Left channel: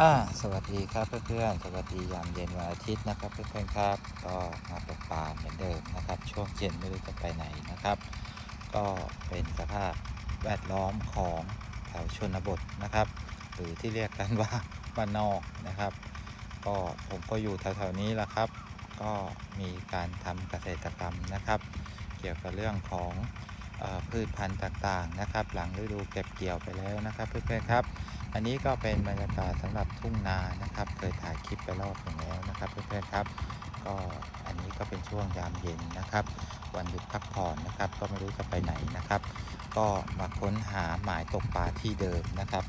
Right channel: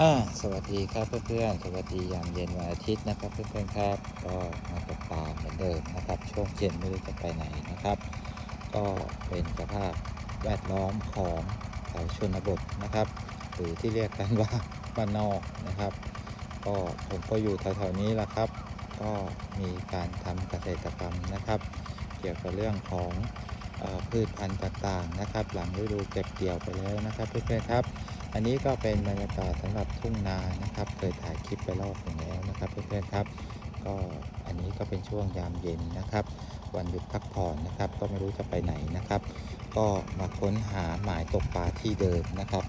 อ่าสวัสดีครับเพื่อนๆ สวัสดียามเย็นวันอาทิตย์นะครับเพื่อนๆครับ ก็มาตกปลาเหมือนเดิมนะครับ ช่วงเย็นไม่รู้จะไปไหนนะครับ ก็เป็นสภาพแวดล้อมของแถวชนบทนะครับ หรือที่เรียกกันว่าบ้านนอกนะครับ ก็ผมก็อยู่แถวๆนี้แหละครับ ก็มีการทำเกษตรกรรมนะครับ เกี่ยวกับเรื่องของ พืชพันธุ์ต่างๆนะครับ หลังฤดูเก็บเกี่ยวไปแล้วนะครับเพื่อนๆครับ อันนี้ก็เป็นบรรยากาศสำหรับทุ่งนานะครับ เคยถ่ายคลิปไปรอบหนึ่งแล้วนะครับเพื่อนๆครับ ก็อันนี้ก็เป็นช่วงยามเย็นนะครับ วันหยุดพักผ่อนนะครับ ก็ไม่รู้จะไปไหนนะครับ ก็มาค้นหาหมายตกปลาที่เดิมนะครับ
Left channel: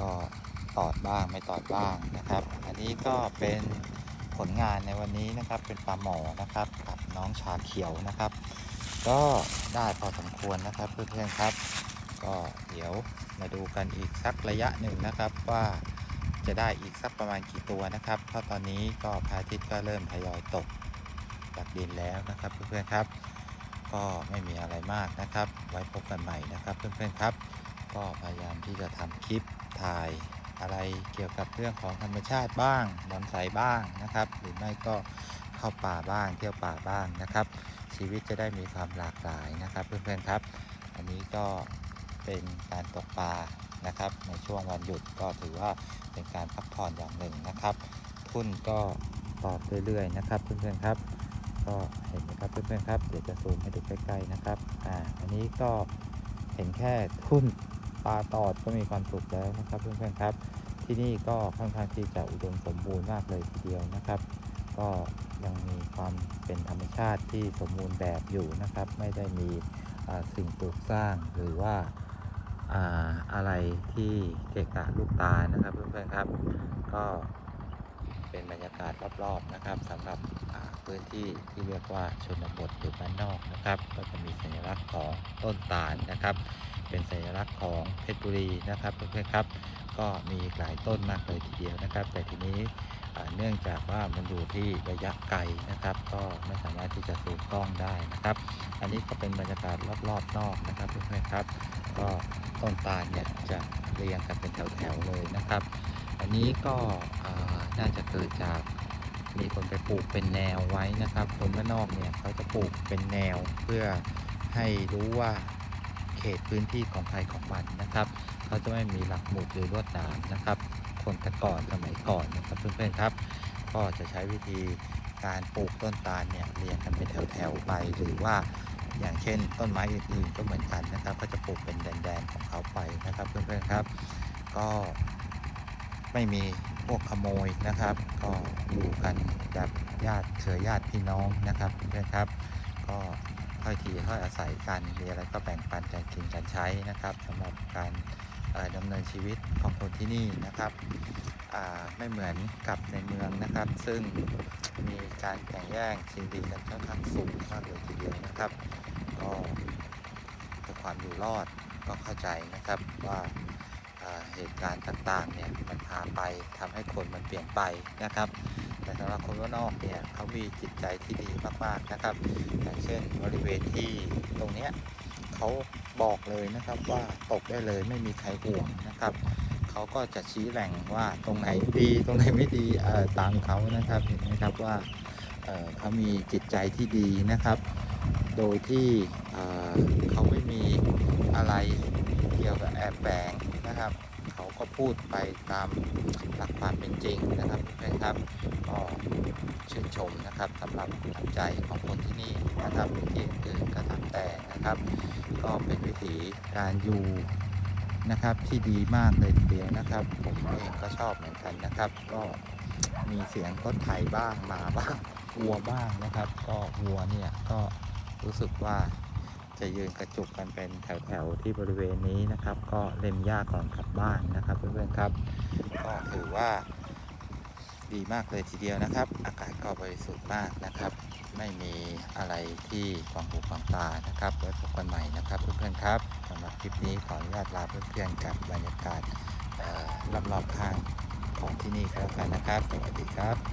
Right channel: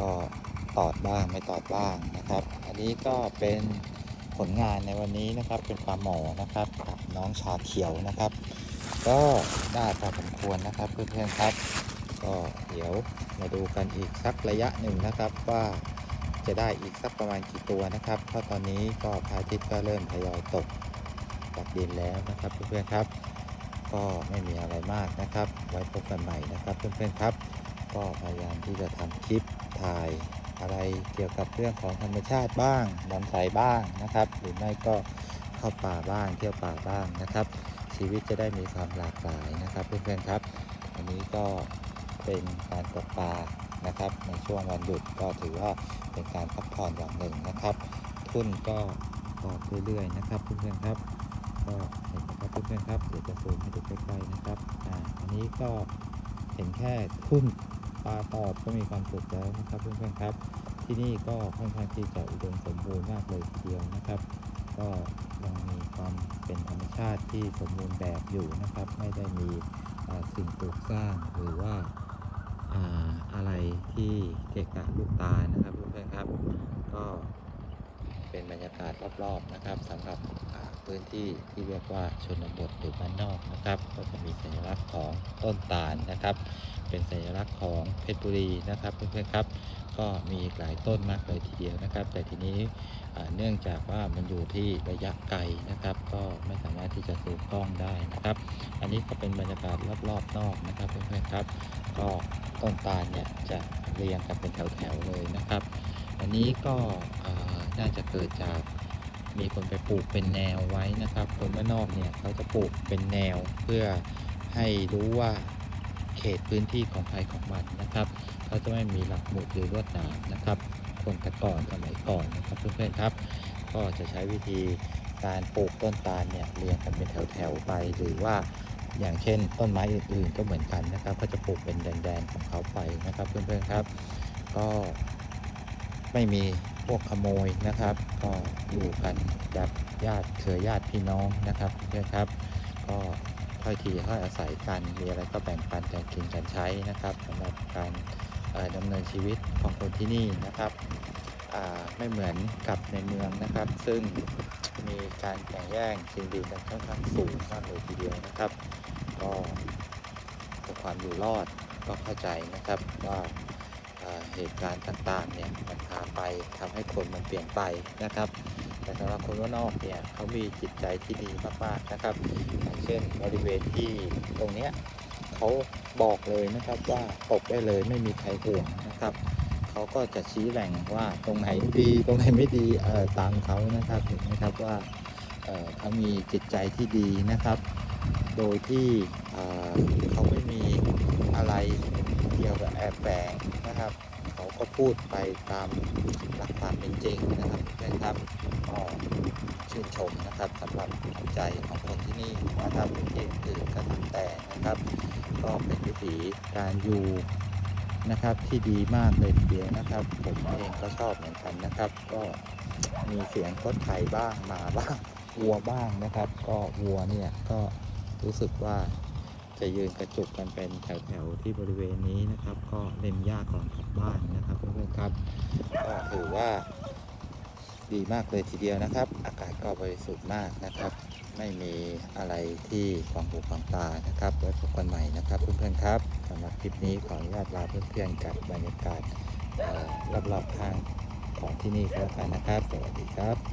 ก็ตอบบ้างไม่ตอบบ้างนะครับ อันนี้ก็เป็นผลงานในวันนี้นะครับเป็นปลาหมอนะครับกับน้องชาเขียวนะครับ ก็ได้พอสมควรนะครับเพื่อนๆครับ ก็เดี๋ยวมาดูกันอีกสักระยะหนึ่งนะครับว่าจะได้อีกสักประมาณกี่ตัวนะครับ เพราะตอนนี้ก็พระอาทิตย์ก็เริ่มทยอยตกจากดินแล้วนะครับเพื่อนๆครับ ก็ไม่มีอะไรมากนะครับ ไว้พบกันใหม่นะครับเพื่อนๆครับ ก็พยายามที่จะทำคลิปถ่ายอะไรเกี่ยวกับเรื่องของธรรมชาติบ้างบอนไซบ้างนะครับ หรือไม่ก็ เข้าป่าบ้างเที่ยวป่าบ้างนะครับ ชีวิตจะได้มีความหลากหลายนะครับเพื่อนๆครับ อันนี้ก็เป็นการตกปลานะครับ ในช่วงวันหยุดก็ถือว่าเป็นการพักผ่อนอย่างหนึ่งนะครับ ทุ่นก็ตอบเรื่อยๆนะครับเพื่อนๆครับ ก็เห็นไหมครับเพื่อนๆครับเดี๋ยวจะซูมให้ดูใกล้ๆนะครับอ่าอันนี้ก็เห็นแค่ทุ่นปลาตอดก็มีความสุขแล้วนะครับเพื่อนๆครับ ที่นี่ก็ค่อนข้างที่จะอุดมสมบูรณ์มากเลยทีเดียวนะครับ ก็ยังมีความเป็นธรรมชาติที่สมบูรณ์แบบอยู่นะครับ ไม่ได้มีสิ่งปลูกสร้างหรือว่าอ่าอะไรที่เกะกะลูกตานะครับเพื่อนๆครับ ก็ เป็นบรรยากาศรอบๆนะครับสำหรับอ่าพื้นที่ที่เรียกว่าชนบทหรือบ้านนอกนะครับ ก็จะมีสัญลักษณ์ของต้นตาลนะครับ เป็นสัญลักษณ์ของเพชรบุรีนะครับเพื่อนๆครับ ก็มีหลายต้นมากเลยทีเดียวนะครับ แต่ทีนี้เนื่องจากว่ามันอยู่ที่ระยะไกลนะครับ ก็ไม่สามารถที่จะซูมกล้องได้นะครับ อันนี้ก็เป็นบรรยากาศรอบๆนอกนะครับเพื่อนๆครับ ก็ต้นตาลเนี่ยจะเรียงกันเป็นแถวๆเลยนะครับ อันนี้ก็น่าจะเกิดจากมีคนไปปลูกเป็นแนวไว้นะครับ คนบ้านนอกเนี่ยเขาจะปลูกเป็นแนวเพื่อให้รู้ว่าเขตพื้นที่ของใครของมันนะครับเขาจะไม่มีหลักหมุดหรือลวดหนามนะครับ คนต่ก่อนสมัยก่อนนะครับเพื่อนๆครับ ก็จะใช้วิธีการปลูกต้นตาลเนี่ยเรียงกันเป็นแถวๆไป หรือว่าอย่างเช่น ต้นไม้อื่นๆก็เหมือนกันนะครับ ก็จะปลูกเป็นแดนๆของเขาไปนะครับเพื่อนๆครับ ก็ ไม่มีพวกขโมยนะครับ ก็อยู่กันแบบญาติเครือญาติพี่น้องนะครับเพื่อนครับ ก็ค่อยทีค่อยอาศัยกันมีอะไรก็แบ่งปันกันกินกันใช้นะครับสำหรับการดำเนินชีวิตของคนที่นี่นะครับไม่เหมือนกับในเมืองนะครับ ซึ่งมีการแข่งแย่งชิงดีกันค่อนข้างสูงมากเลยทีเดียวนะครับ ก็เพื่อความอยู่รอดก็เข้าใจนะครับว่า เหตุการณ์ต่างๆเนี่ยมันพาไปทำให้คนมันเปลี่ยนไปนะครับ แต่สำหรับคนว่านอกเนี่ยเขามีจิตใจที่ดีมากๆนะครับอย่างเช่นบริเวณที่ตรงเนี้ยเขาบอกเลยนะครับว่าตกได้เลยไม่มีใครห่วงนะครับเขาก็จะชี้แหล่งว่าตรงไหนดีตรงไหนไม่ดีตามเขานะครับเห็นไหมครับว่าเเขามีจิตใจที่ดีนะครับ โดยที่เเขาไม่มีอะไรเกี่ยวกับแอบแฝงนะครับ เขา ก็พูดไปตามหลักความเป็นจริงนะครับเพื่อนครับก็ชื่นชมนะครับสำหรับน้ำใจของคนที่นี่นะครับที่อื่นก็ตามแต่นะครับ ก็เป็นวิถีการอยู่นะครับที่ดีมากเลยทีเดียวนะครับ ผมเองก็ชอบเหมือนกันนะครับ ก็มีเสียงรถไถบ้างหมาบ้างวัวบ้างนะครับ ก็วัวเนี่ยก็รู้สึกว่า จะยืนกระจุกกันเป็นแถวๆที่บริเวณนี้นะครับ ก็เล็มหญ้าก่อนกลับบ้านนะครับเพื่อนๆครับ ก็ถือว่าดีมากเลยทีเดียวนะครับ อากาศก็บริสุทธิ์มากนะครับ ไม่มีอะไรที่ขวางหูขวางตานะครับไว้พบกันใหม่นะครับเพื่อนๆครับสำหรับคลิปนี้ขออนุญาตลาเพื่อนๆกับบรรยากาศรอบๆข้างของที่นี่ก็แล้วกันนะครับ สวัสดีครับ